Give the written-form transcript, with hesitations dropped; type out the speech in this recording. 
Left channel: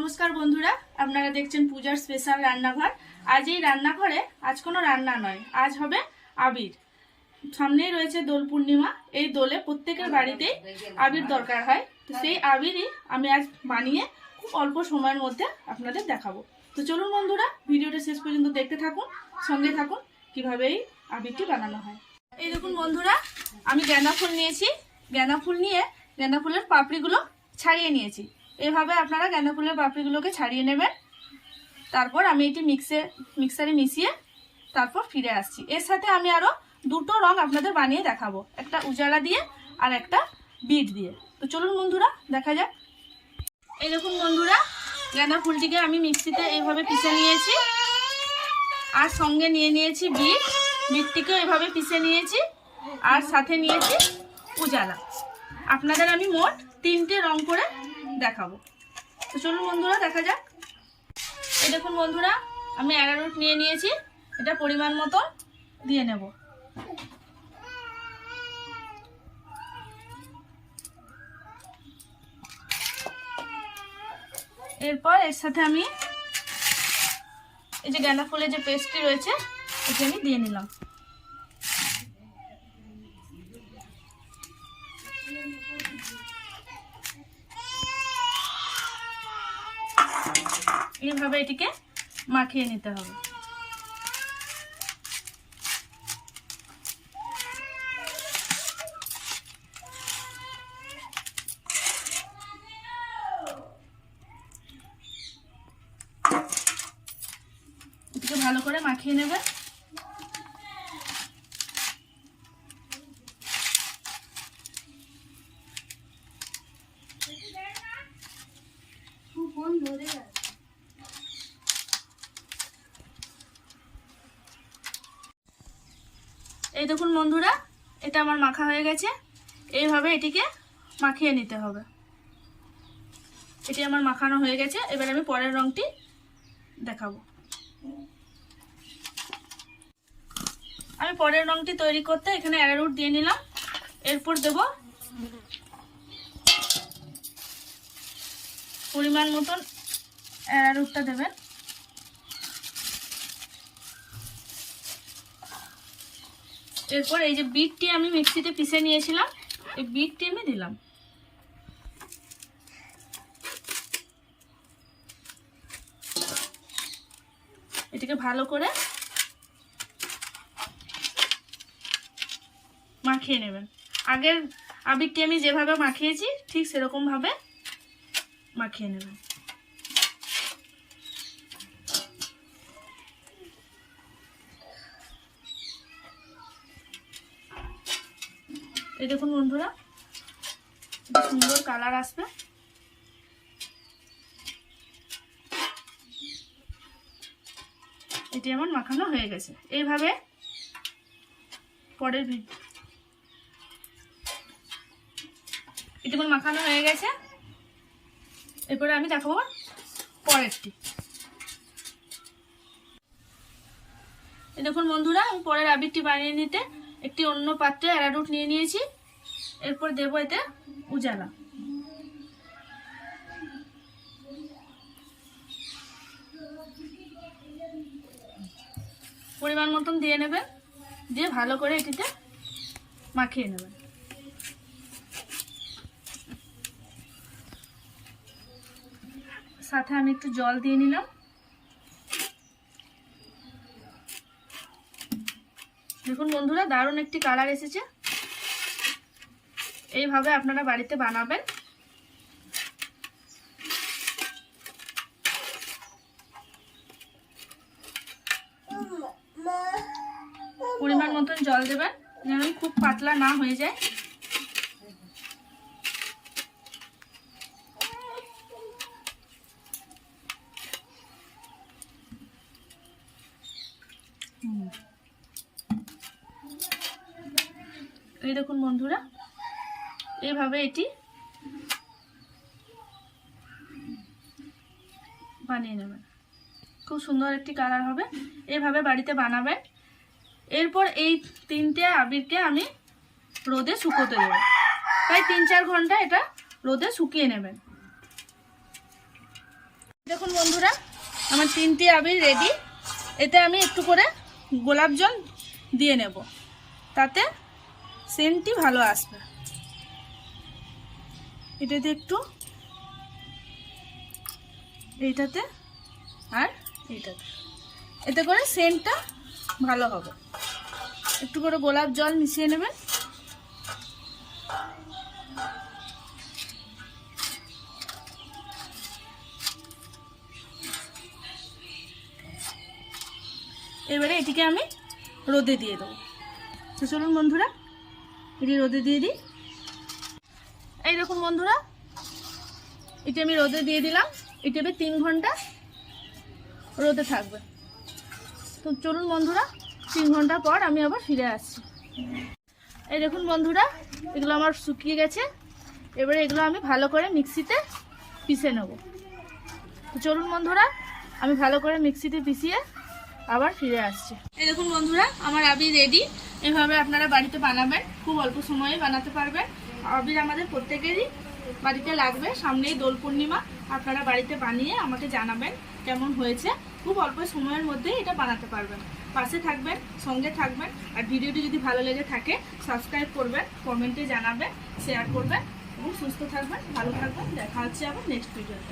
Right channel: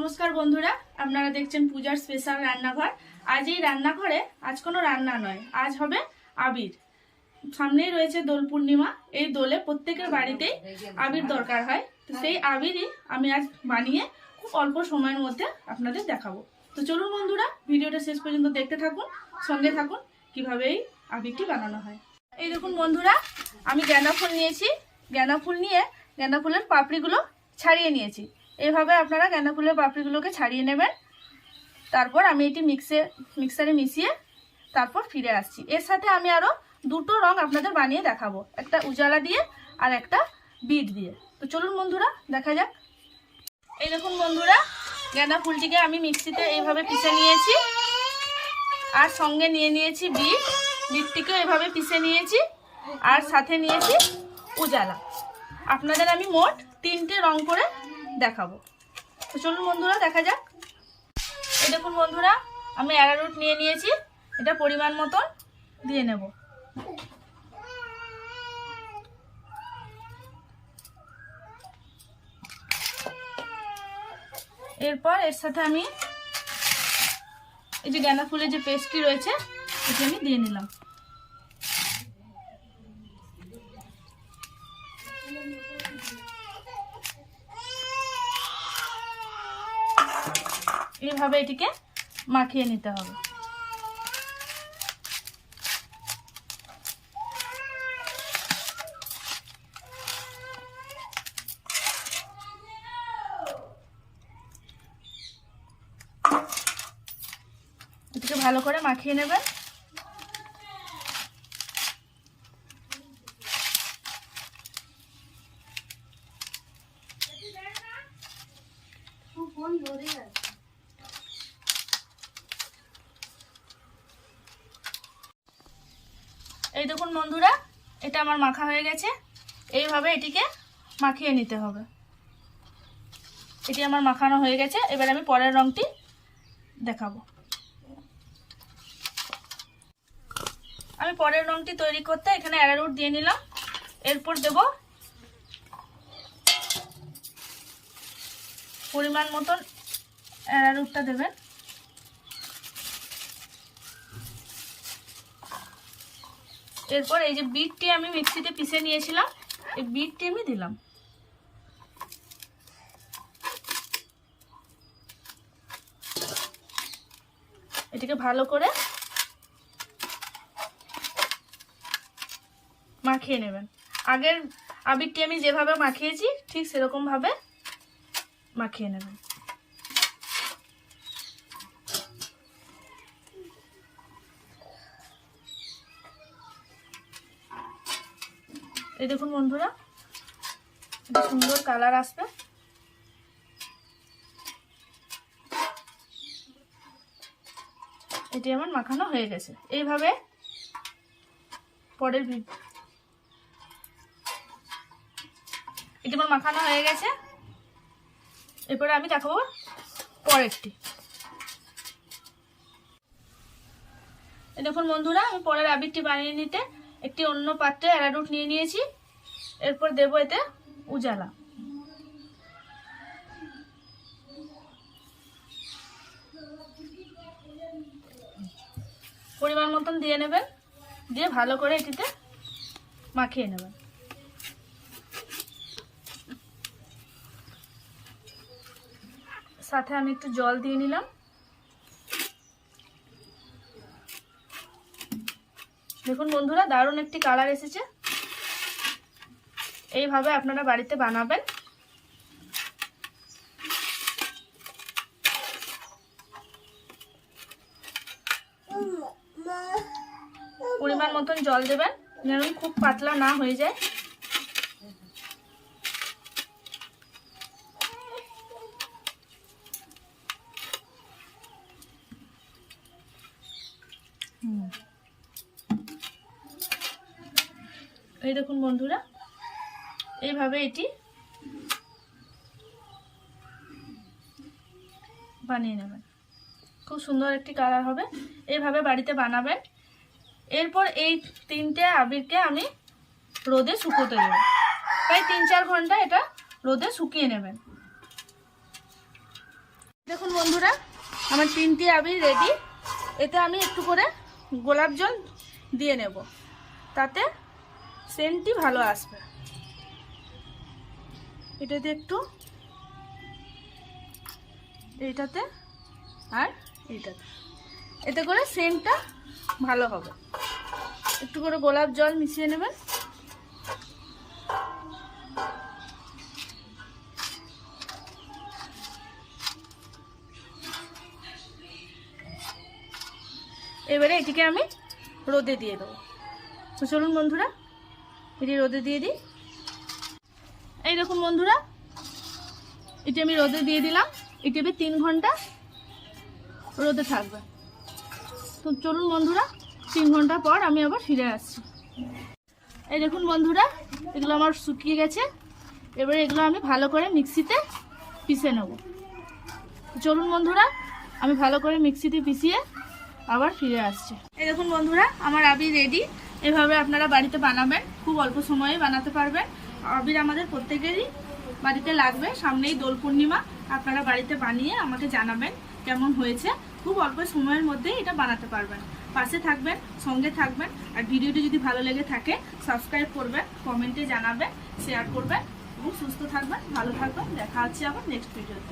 নমস্কার বন্ধুরা, আপনারা দেখছেন পূজার স্পেশাল রান্নাঘর। আজ এই রান্নাঘরে আজ কোনো রান্না নয়, আজ হবে আবির। সামনেই রয়েছে দোল পূর্ণিমা। এই দোলে প্রত্যেকের বাড়িতেই আবির দরকার হয়। তো সেই আবিরই আমি আজ বানিয়ে খুব অল্প সময়ের মধ্যে আপনাদের দেখাবো। তো চলুন বন্ধুরা, ভিডিওটা শেষ পর্যন্ত দেখতে থাকুন, সঙ্গে থাকুন কিভাবে এই আবিরটি বানানো হয়। এই দেখুন বন্ধুরা, আমি গাঁদা ফুল নিয়েছি। গাঁদা ফুল নিয়ে গাঁদা ফুলের পাপড়িগুলো ছাড়িয়ে নিয়েছি। এইভাবে আপনারা গাঁদা ফুলের পাপড়িগুলোকে ছাড়িয়ে নেবেন। তারপর আমি এটি মিক্সারে মিশিয়ে তারপর ফিরে আসছি। এর সাথে আমি আরও দুটো রং আপনাদের বানিয়ে দেখাবো, একটা উজালা দিয়ে আর একটা বিট দিয়ে। তো চলুন বন্ধুরা, দেখা যাক। এই দেখুন বন্ধুরা, গাঁদা ফুলটিকে আমি মিক্সিতে এইভাবে পিষে নিয়েছি, আর সঙ্গে নিয়ে নিয়েছি বিটটিকেও এভাবে পিষে নিয়েছি, আর সাথে নিয়েছি উজালা। আপনাদের আমি মোট 3টে রং করে দেখাবো। তো চলুন বন্ধুরা, দেখা যাক। এই দেখুন বন্ধুরা, আমি অ্যারারুট নিয়ে নিয়েছি। এটা পরিমাণ মতন দিয়ে নেব। এরপর এর সাথে আমি এই যে গাঁদা ফুলের যে পেস্টটি রয়েছে এটি আমি দিয়ে নিলাম। এইভাবে এটিকে মাখিয়ে নিতে হবে। এটিকে ভালো করে মাখিয়ে নেবেন। এই দেখুন বন্ধুরা, এটা আমার মাখা হয়ে গেছে। এইভাবে এটিকে মাখিয়ে নিতে হবে। এটি আমার মাখানো হয়ে গেছে। এবার আমি পরের রংটি দেখাবো। আমি পরের রংটি তৈরি করতে এখানে অ্যারারুট দিয়ে নিলাম। এরপর দেব পরিমাণ মতন অ্যারারুটটা দেবেন। এরপর এই যে বিটটি আমি মিক্সিতে পিষে নিয়েছিলাম, এই বিটটি আমি দিলাম। এটিকে ভালো করে মাখিয়ে নেবেন। আগের আবিরটি আমি যেভাবে মাখিয়েছি ঠিক সেরকম ভাবে মাখিয়ে নেবেন। এই দেখুন বন্ধুরা, একটা সুন্দর কালার আসবে। এটি আমার মাখানো হয়ে গেছে। এইভাবে পরের এটি আমার মাখানো হয়ে গেছে। এরপরে আমি দেখাবো পরেরটি। এই দেখুন বন্ধুরা, আমি পরের আবিরটি বানিয়ে নিতে একটি অন্য পাত্রে অ্যারারুট নিয়ে নিয়েছি। এরপর দেবো এতে উজালা। পরিমাণ মতন দিয়ে নেবেন, দিয়ে ভালো করে এটিতে মাখিয়ে নেবেন। সাথে আমি একটু জল দিয়ে নিলাম। দেখুন বন্ধুরা, দারুণ একটি কালার এসেছে। এইভাবে আপনারা বাড়িতে বানাবেন। পরিমাণ মতন জল দেবেন, যেন খুব পাতলা না হয়ে যায়। এই দেখুন বন্ধুরা, এইভাবে এটি বানিয়ে নেবেন। খুব সুন্দর একটি কালার হবে। এইভাবে বাড়িতে বানাবেন। এরপর এই 3টে আবিরকে আমি রোদে শুকোতে দেব। প্রায় 3-4 ঘন্টা এটা রোদে শুকিয়ে নেবেন। দেখুন বন্ধুরা, আমার 3টি আবির রেডি। এতে আমি একটু করে গোলাপ জল দিয়ে নেব, তাতে সেন্টটি ভালো আসবে। এটাতে একটু, এইটাতে আর এইটাতে, এতে করে সেন্টটা ভালো হবে। একটু করে গোলাপ জল মিশিয়ে নেবেন। এবারে এটিকে আমি রোদে দিয়ে দেবো। তো চলুন বন্ধুরা, এটি রোদে দিয়ে দিই। এই দেখুন বন্ধুরা, এটি আমি রোদে দিয়ে দিলাম। এটি 3 ঘন্টা রোদে থাকবে। তো চলুন বন্ধুরা, 3 ঘন্টা পর আমি আবার ফিরে আসছি। এই দেখুন বন্ধুরা, এগুলো আমার শুকিয়ে গেছে। এবারে এগুলো আমি ভালো করে মিক্সিতে পিষে নেব। তো চলুন বন্ধুরা, আমি ভালো করে মিক্সিতে পিষিয়ে আবার ফিরে আসছি। এই দেখুন বন্ধুরা, আমার আবির রেডি। এভাবে আপনারা বাড়িতে বানাবেন, খুব অল্প সময়ে বানাতে পারবেন। আবির আমাদের প্রত্যেকেরই বাড়িতে লাগবে। সামনেই দোল পূর্ণিমা, আপনারা বাড়িতে বানিয়ে আমাকে জানাবেন কেমন হয়েছে। খুব অল্প সময়ের মধ্যে এটা বানাতে পারবেন। পাশে থাকবেন, সঙ্গে থাকবেন। আর ভিডিওটি যদি ভালো লেগে থাকে সাবস্ক্রাইব করবেন, কমেন্টে জানাবেন, শেয়ার করবেন। খুব সুস্থ থাকবেন, ভালো থাকবেন। দেখা হচ্ছে আবার নেক্সট ভিডিওতে।